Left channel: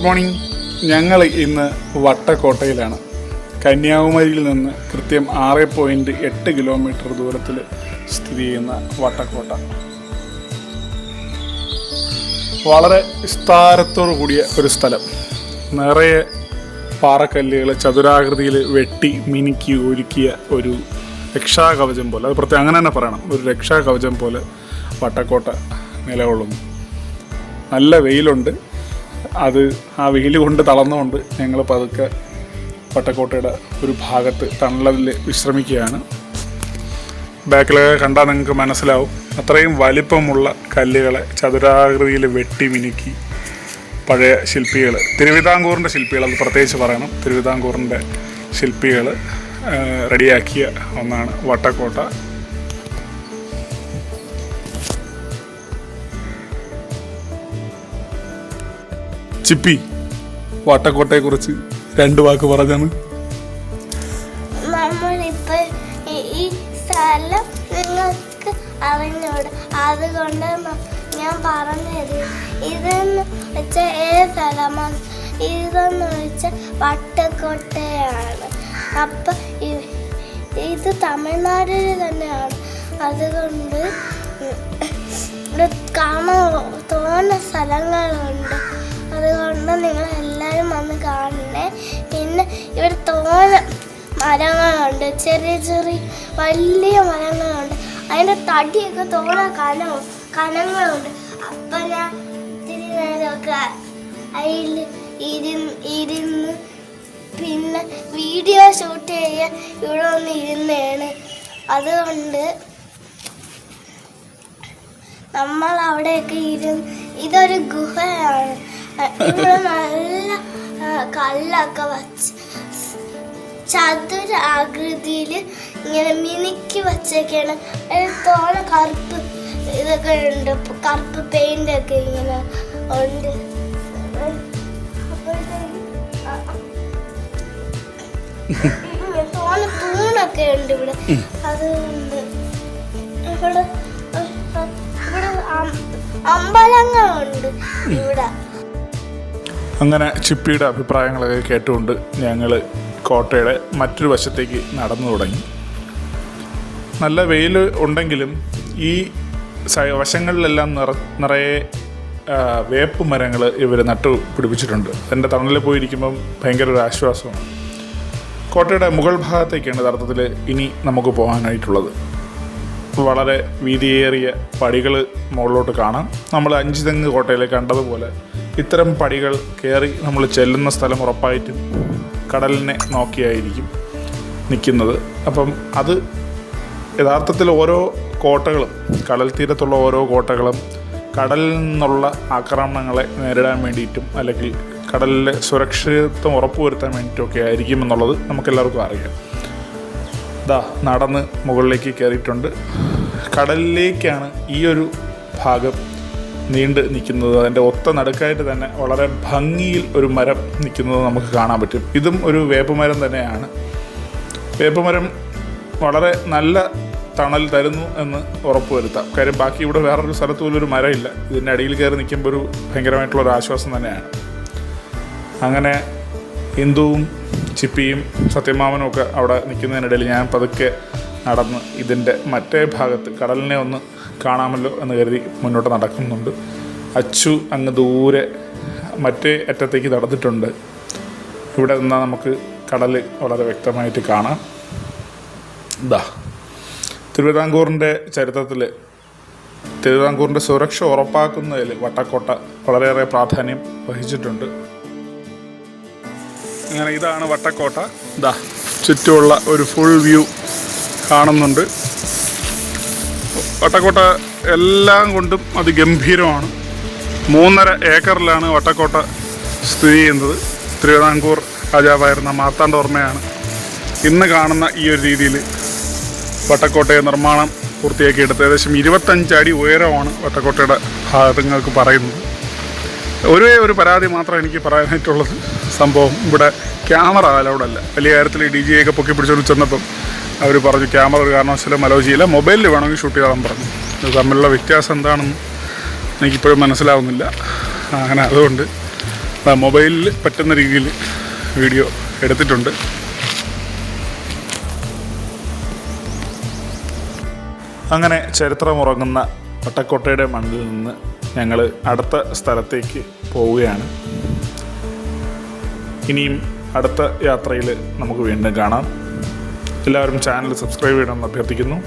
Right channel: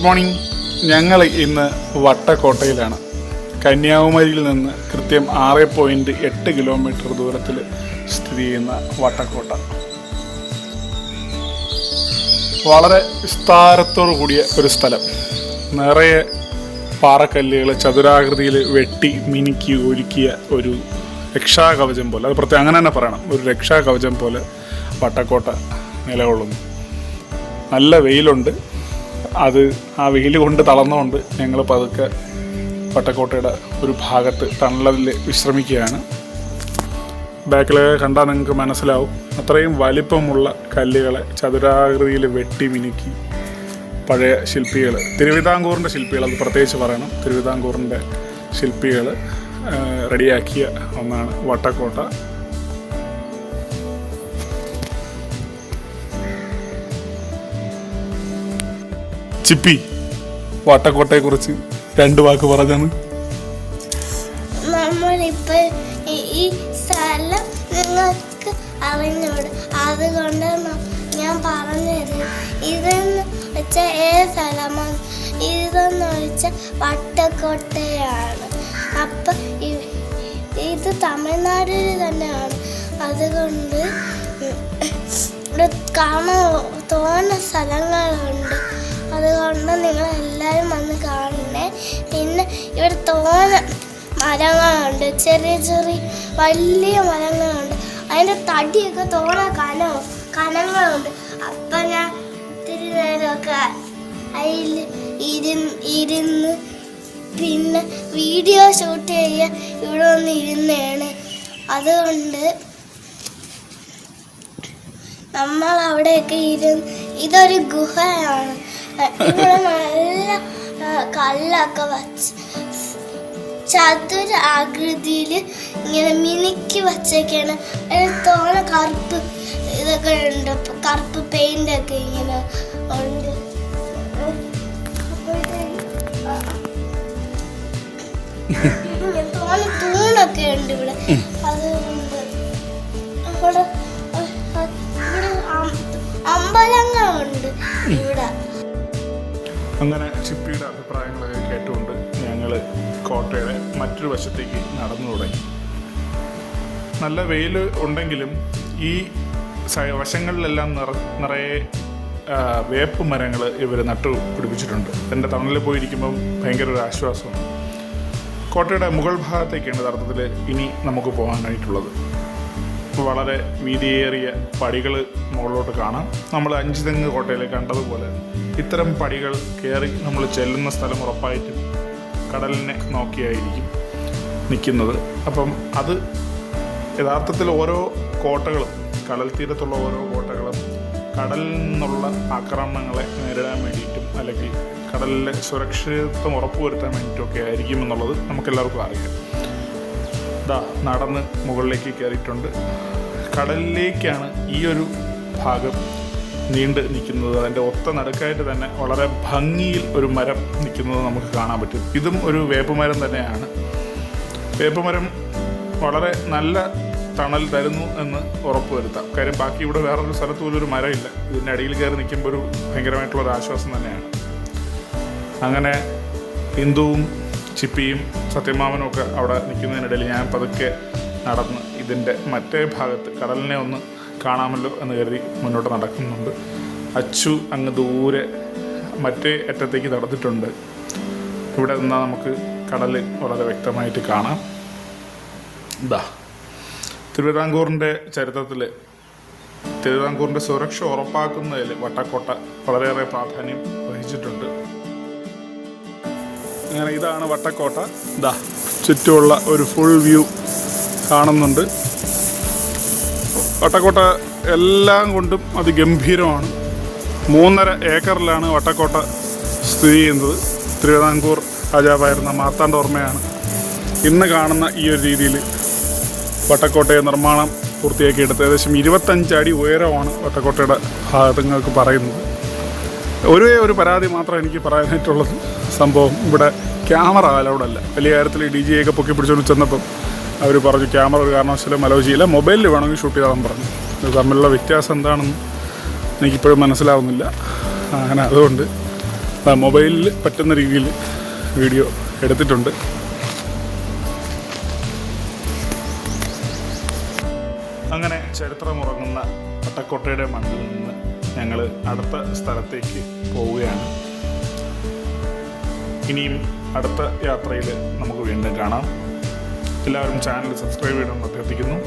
Good morning. ഞങ്ങൾ ഇന്ന് വട്ടക്കോട്ടയിലാണ്. കന്യാകുമാരിയിൽ നിന്ന് കൃത്യം 6.8 കിലോമീറ്റർ ദൂരത്തിൽ സ്ഥിതി ചെയ്യുന്ന വട്ടക്കോട്ട വളരെ വിസ്താരത്തോടു കൂടിയ ഒരു സ്ഥലം. നിറയെ പാറക്കല്ലുകൾ ചതുരാകൃതിയിൽ വെട്ടി മിനുക്കി ഒരുക്കിയ ഒരു രക്ഷാകവചം പോലെ, അത് പ്രത്യേകം അങ്ങനെ തന്നെ പറയണം, ഒരു രക്ഷാകവചം പോലെ വട്ടക്കോട്ട നിലകൊള്ളുന്നു. നല്ല വെയിലുണ്ട്. അത് ആ വെയിൽ കൊണ്ട് തളർന്നുകൊണ്ട് ഞങ്ങൾ പതുക്കെ വട്ടക്കോട്ടയുടെ ഒരു ഭാഗത്ത് തണലിൽ വിശ്രമിക്കുകയാണ്. ബാക്കിലൊക്കെ കണ്ടാൽ നിങ്ങൾക്ക് മനസ്സിലാവും, അത്രയും വലിപ്പമുള്ള കല്ലുകളെ ചതുരാകൃതിയിൽ വെട്ടി മിനുക്കി പഴയ ശില്പികൾ, തിരുവിതാംകൂറിൻ്റെ ശില്പികൾ, അത് പ്രത്യേകിച്ച് പറയണം, തിരുവിതാംകൂറിൻ്റെ ശില്പികൾ റെഡിയാക്കിയ ഒന്നാണ് വട്ടക്കോട്ട. ചിപ്പി, വട്ടക്കോട്ടയെക്കുറിച്ച് 2 വാക്ക് പറഞ്ഞാണ്. നമ്മളിപ്പോ ഈ സ്ഥലം നിങ്ങൾക്ക് അറിഞ്ഞൂടെ, അതുകൊണ്ട് ഞാൻ പറഞ്ഞത്. ഇതെന്ന് വെച്ചാൽ ഏത് സ്ഥലമാണ്? ഇതെന്ന് വെച്ചാൽ വട്ടക്കോട്ടയാണ്. അപ്പം ഇത് തമിഴ്നാടിൽ തന്നെയാണ്. അതുകൊണ്ട് ഇവിടെ കാണാൻ തോന്നുന്ന സ്ഥലങ്ങളുണ്ട്. അതുകൊണ്ട് നിങ്ങളെല്ലാവരും വന്ന് കാണണേ. പിന്നെ ഇവിടെ തോന്ന മരങ്ങളുണ്ട്, ചെറിയ ചെറിയ വലിയ മരങ്ങളുണ്ട്. അതിൻ്റെ തടിയൊക്കെ തോന്ന കനങ്ങളുണ്ട്. അപ്പം ഞാൻ ഇത്തിരി നേരമൊക്കെ അതിൽ ഇരുന്ന് പിന്നെ വീഡിയോ ഷൂട്ട് ചെയ്യാൻ ഇവിടെ ഒന്ന് ഇരുന്നാണ്. അതുകൊണ്ട് നമ്മൾ അവിടെയൊക്കെ ഇതൊരു ഗുഹയാണ്. ഇവിടെ നല്ല കല്ലൊക്കെ വച്ച് ചതുരാകൃതിയിൽ ഇങ്ങനെ മിനുക്കി വച്ചൊക്കെയാണ്. അതിൽ തോന കറുപ്പ് ഇതൊക്കെ ഉണ്ട്, കറുപ്പ് പെയിൻ്റൊക്കെ ഇങ്ങനെ ഉണ്ട്. തോന തൂണൊക്കെ ഉണ്ട് ഇവിടെ. അതുകൊണ്ട് ഇവിടെ അമ്പലങ്ങളുണ്ട് ഇവിടെ. അങ്ങനെ ചിപ്പിയുടെ അഭിപ്രായങ്ങളൊക്കെ കേട്ടുകൊണ്ട് ഞങ്ങൾ കോട്ടയുടെ മറ്റൊരു വശത്തേക്ക് നടന്നു തുടങ്ങി. നല്ല വെയിൽ ഉണ്ടെങ്കിലും ഈ വശങ്ങളിലെല്ലാം നിറയെ വേപ്പ് മരങ്ങൾ ഇവർ നട്ടു പിടിപ്പിച്ചിട്ടുണ്ട്. എൻ്റെ തണലിൽ പോയിരിക്കുമ്പം ഭയങ്കര ഒരു ആശ്വാസമാണ്. കോട്ടയുടെ മുകൾ ഭാഗത്തേക്കാണ് യഥാർത്ഥത്തിൽ ഇനി നമുക്ക് പോകാനായിട്ടുള്ളത്. വളരെ വീതിയേറിയ പടികൾ മുകളിലോട്ട് കാണാം. നമ്മൾ അഞ്ചുതെങ്ങ് കോട്ടയിൽ കണ്ടതുപോലെ ഇത്തരം പടികൾ കയറി നമ്മൾ ചെല്ലുന്ന സ്ഥലം ഉറപ്പായിട്ടും കടലിനെ നോക്കിയായിരിക്കും നിൽക്കുന്നത്. അപ്പം അത് യഥാർത്ഥത്തിൽ ഓരോ കോട്ടകളും, കടൽ തീരത്തുള്ള ഓരോ കോട്ടകളും കടലിൽ നിന്നുള്ള ആക്രമണങ്ങളെ നേരിടാൻ വേണ്ടിയിട്ടും അല്ലെങ്കിൽ കടലിലെ സുരക്ഷിതത്വം ഉറപ്പുവരുത്താൻ വേണ്ടിയിട്ടൊക്കെ ആയിരിക്കും എന്നുള്ളത് നമുക്കെല്ലാവർക്കും അറിയാം. നടന്ന് മുകളിലേക്ക് കയറിയിട്ടുണ്ട്. കടലിലേക്കാണ് ഈ ഒരു ഭാഗം നീണ്ട് നിൽക്കുന്നത്. അതിൻ്റെ ഒത്ത നടുക്കായിട്ട് തന്നെ വളരെ ഭംഗിയിൽ ഒരു മരം നിൽക്കുന്നത് നമുക്ക് കാണാൻ പറ്റും. ഇതും ഒരു വേപ്പുമരം തന്നെയാണ്. വേപ്പുമരം വളരെ നല്ല തണൽ തരുന്നു എന്ന് ഉറപ്പുവരുത്താം. കാര്യം ബാക്കി ഇവിടെ വേറൊരു സ്ഥലത്ത് പോലും ഒരു മരമില്ല. ഇതിൻ്റെ അടിയിൽ കയറി നിൽക്കുമ്പോൾ ഒരു ഭയങ്കരമായിട്ടുള്ളൊരു ആശ്വാസം തന്നെയാണ്. അങ്ങനെ ഹിന്ദുവും ചിപ്പിയും സത്യമാമനും ഒക്കെ അവിടെ നിൽക്കുന്നതിനിടയിൽ ഞാൻ പതുക്കെ നടന്ന് ഇതിൻ്റെ മറ്റേ ഭാഗത്ത് കടലിനെ ഒന്ന് കാണാമല്ലോ എന്ന് കരുതി മുന്നോട്ട് നടക്കുന്നുണ്ട്. അച്ചു അങ്ങ് ദൂരെ മറ്റേ അറ്റത്തേക്ക് നടന്നിട്ടുണ്ട്. ഇവിടെ നിന്നാൽ നമുക്ക് കടൽ വളരെ വ്യക്തമായിട്ട് കാണാം. തിരുവിതാംകൂറിൻ്റെ ചരിത്രത്തിൽ തിരുവിതാംകൂറിൻ്റെ സുരക്ഷ ഉറപ്പാക്കുന്നതിൽ വട്ടക്കോട്ട വളരെയേറെ പ്രാധാന്യം വഹിച്ചിട്ടുണ്ട്. അങ്ങനെ ഇതാണ് വട്ടക്കോട്ട. ചുറ്റുമുള്ള ഒരു ഫുൾ വ്യൂ കാണുന്നുണ്ട്. വട്ടക്കോട്ട എല്ലാം കൊണ്ടും അതിഗംഭീരമാണ്. 3.5 ഏക്കറിലാണ് വട്ടക്കോട്ട സ്ഥിതി ചെയ്യുന്നത്. തിരുവിതാംകൂർ രാജാവായിരുന്ന മാർത്താണ്ഡവർമ്മയാണ് ഇന്ന് കാണുന്ന ഈ ഒരു രീതിയിൽ വട്ടക്കോട്ടയെ നിർമ്മാണം പൂർത്തിയാക്കിയെടുത്ത്. ഏകദേശം 25 അടി ഉയരമാണ് വട്ടക്കോട്ടയുടെ ഭാഗങ്ങൾക്ക് പറയുന്നത്. ഒരു പരാതി മാത്രം എനിക്ക് പറയാനായിട്ടുള്ളത്, സംഭവം ഇവിടെ ക്യാമറ അലൗഡല്ല. വലിയ കാര്യത്തിൽ DJI ഒക്കെ പൊക്കി പിടിച്ചുകൊണ്ട് ചെന്നപ്പം അവർ പറഞ്ഞു ക്യാമറ ഒരു കാരണവശാലും അലോ ചെയ്യില്ല, മൊബൈലിൽ വേണമെങ്കിൽ ഷൂട്ട് ചെയ്യാൻ പറഞ്ഞു. ഇത് തമ്മിലുള്ള വ്യത്യാസം എന്താണെന്ന് എനിക്കിപ്പോഴും മനസ്സിലാവുന്നില്ല. അങ്ങനെ അതുകൊണ്ട് മൊബൈലിൽ പറ്റുന്ന രീതിയിൽ വീഡിയോ എടുത്തിട്ടുണ്ട്. അങ്ങനെ ചരിത്രമുറങ്ങുന്ന വട്ടക്കോട്ടയുടെ മണ്ണിൽ നിന്ന് ഞങ്ങൾ അടുത്ത സ്ഥലത്തേക്ക് പോവുകയാണ്. ഇനിയും അടുത്ത യാത്രയിൽ നമുക്ക് വീണ്ടും കാണാം. എല്ലാവരും ചാനൽ സബ്സ്ക്രൈബ് ചെയ്യണമെന്ന് അഭ്യർത്ഥിക്കുന്നു.